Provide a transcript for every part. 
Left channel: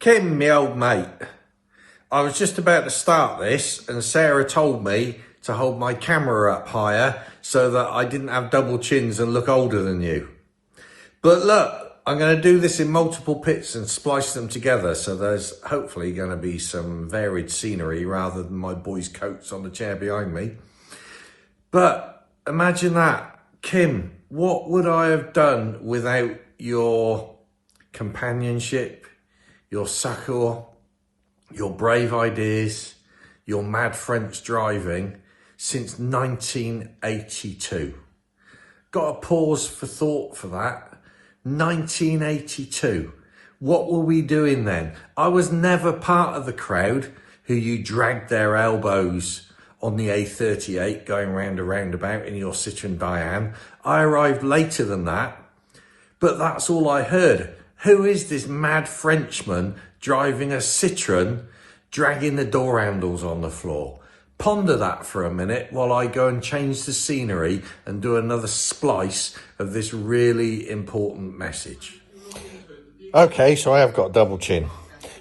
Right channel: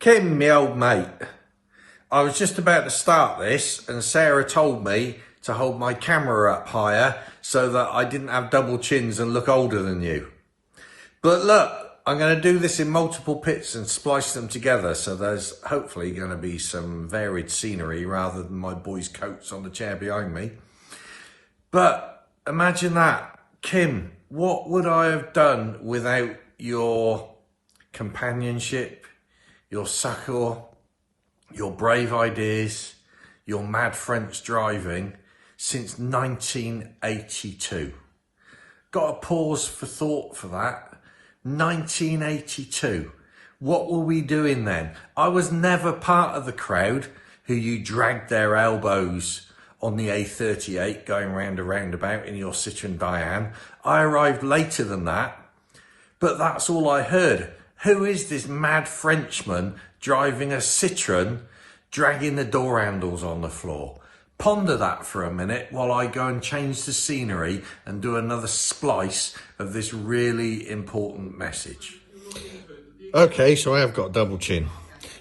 Kim, my old mate, I was just about to start this and Sarah told me to hold my camera up higher so that I didn't have double chins and look older than you. But look, I'm going to do this in multiple bits and splice them together, so there's hopefully going to be some varied scenery rather than my boys' coats on the chair behind me. But imagine that. Kim, what would I have done without your companionship, your succour, your brave ideas, your mad French driving since 1982? Got a pause for thought for that. 1982. What were we doing then? I was never part of the crowd who you dragged their elbows on the A38 going round a roundabout in your Citroën Diane. I arrived later than that, but that's all I heard. Who is this mad Frenchman driving a Citroën, dragging the door handles on the floor? Ponder that for a minute while I go and change the scenery and do another splice of this really important message. Okay, so I have got a double chin,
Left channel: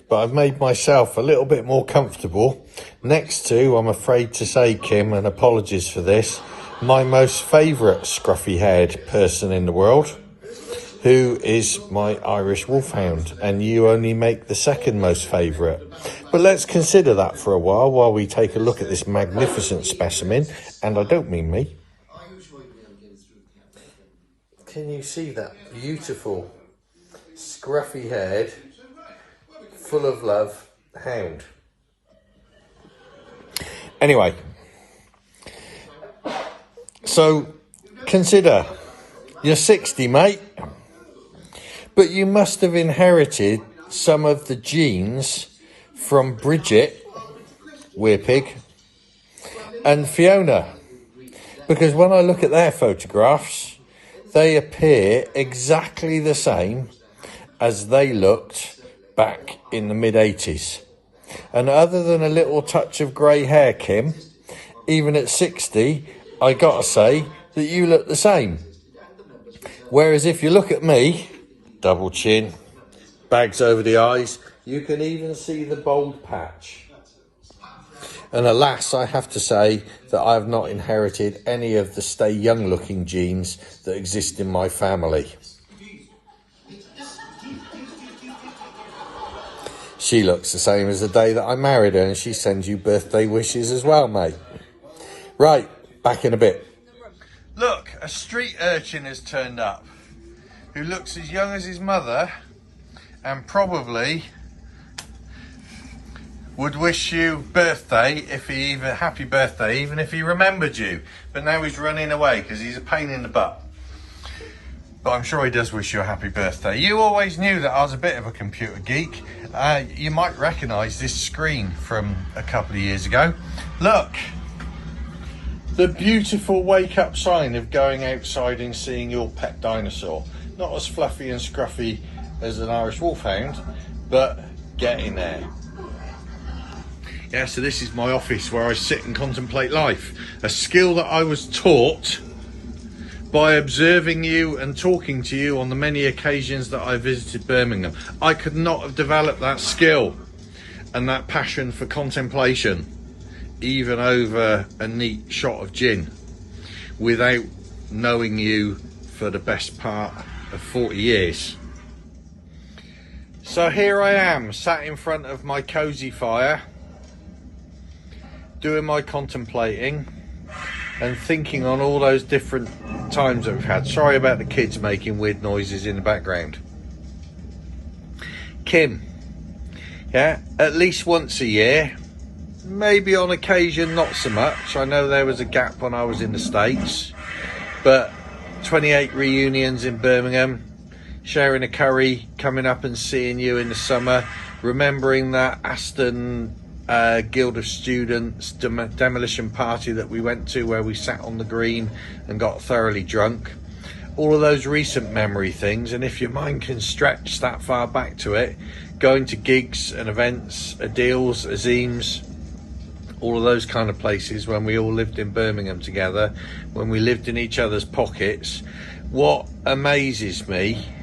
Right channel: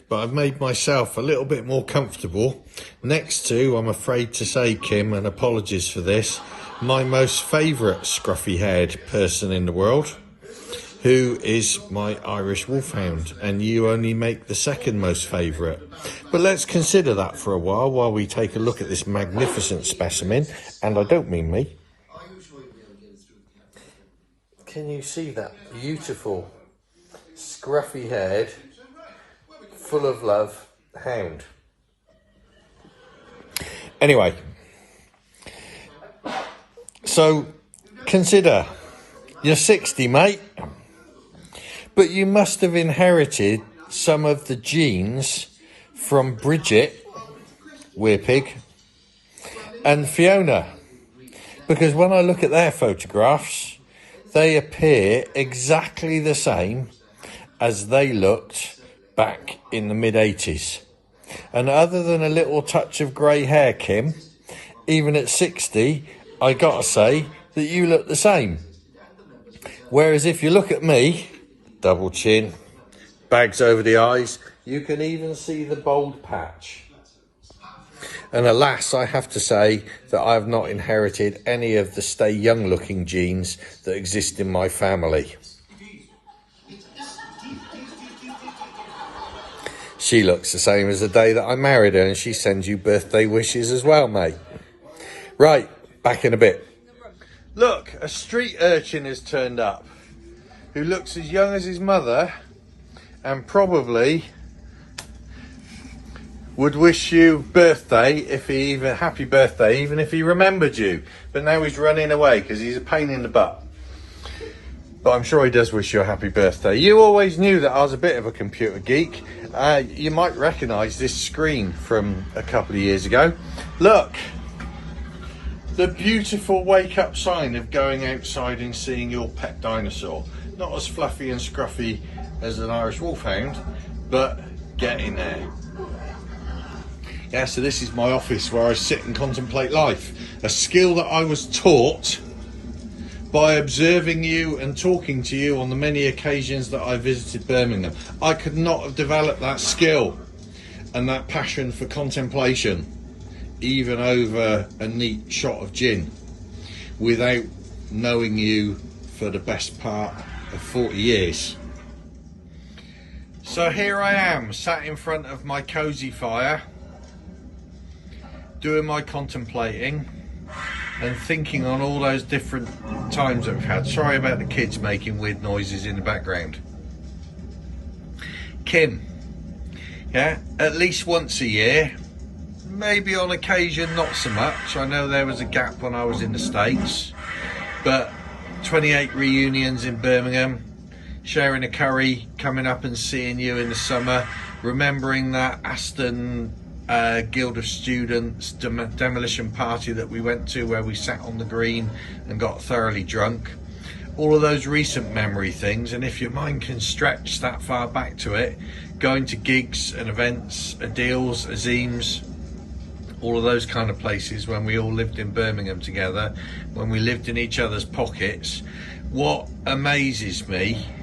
but I've made myself a little bit more comfortable next to, I'm afraid to say, Kim, and apologies for this, my most favourite scruffy-haired person in the world, who is my Irish Wolfhound, and you only make the second most favourite. But let's consider that for a while we take a look at this magnificent specimen, and I don't mean me. Can you see that beautiful, scruffy-haired, full of love hound? Anyway, so consider, you're 60, mate, but you must have inherited some of the genes from Bridget, Weirpig, and Fiona, because when I look at their photographs, they appear exactly the same as they looked back in the mid-80s. And other than a little touch of grey hair, Kim, even at 60, I gotta say that you look the same. Whereas if you look at me, double chin, bags over the eyes, you can even see the bald patch. And alas, I have to say that I have not inherited any of the stay young looking genes that exist in my family. She looks the same as the day that I married her, and she sends you birthday wishes as well, mate. Right, back in a bit. Look, a street urchin has turned up who looks as young as his mother and probably would wish you birthday if he even happy birthday even if he remembered you, but now he's running away because he's a pain in the butt. But I'm sure he does wish you a happy birthday. You always knew that I was a bit of a computer geek. You might recognise this screen from a couple of years ago. Look, the beautiful wake up sign of going outside and seeing your pet dinosaur. Not as fluffy and scruffy as an Irish Wolfhound, but getting there. Yeah, so this is my office where I sit and contemplate life. A skill that I was taught by observing you and talking to you on the many occasions that I visited Birmingham. I could not have developed that skill and that passion for contemplation, even over a neat shot of gin, without knowing you for the best part of 40 years. So here I am, sat in front of my cosy fire, doing my contemplating and thinking on all those different times that we've had. Sorry about the kids making weird noises in the background. Kim, yeah, at least once a year, maybe on occasion not so much. I know there was a gap when I was in the States, but 28 reunions in Birmingham, sharing a curry, coming up and seeing you in the summer, remembering that Aston Guild of Students demolition party that we went to where we sat on the green and got thoroughly drunk. All of those recent memory things, and if your mind can stretch that far back to it, going to gigs and events, deals, azims, all of those kind of places when we all lived in Birmingham together, when we lived in each other's pockets. What amazes me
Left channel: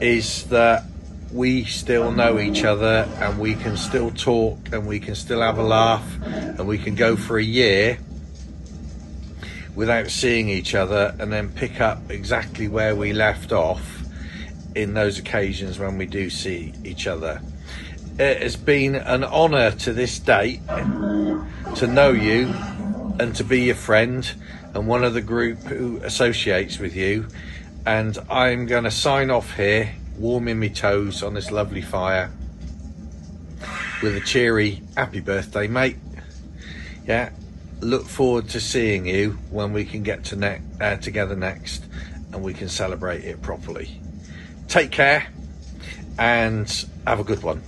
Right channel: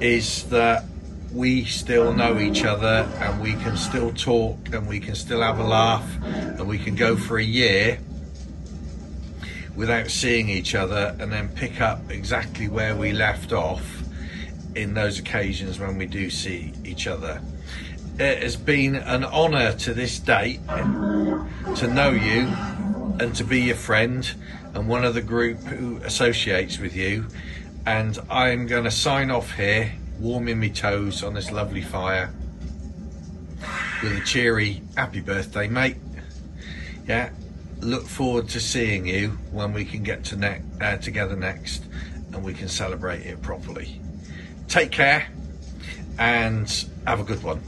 is that we still know each other, and we can still talk, and we can still have a laugh, and we can go for a year without seeing each other, and then pick up exactly where we left off in those occasions when we do see each other. It has been an honour to this date to know you and to be your friend and one of the group who associates with you, and I'm going to sign off here, warming my toes on this lovely fire with a cheery happy birthday, mate. Yeah, look forward to seeing you when we can get to together next, and we can celebrate it properly. Take care and have a good one.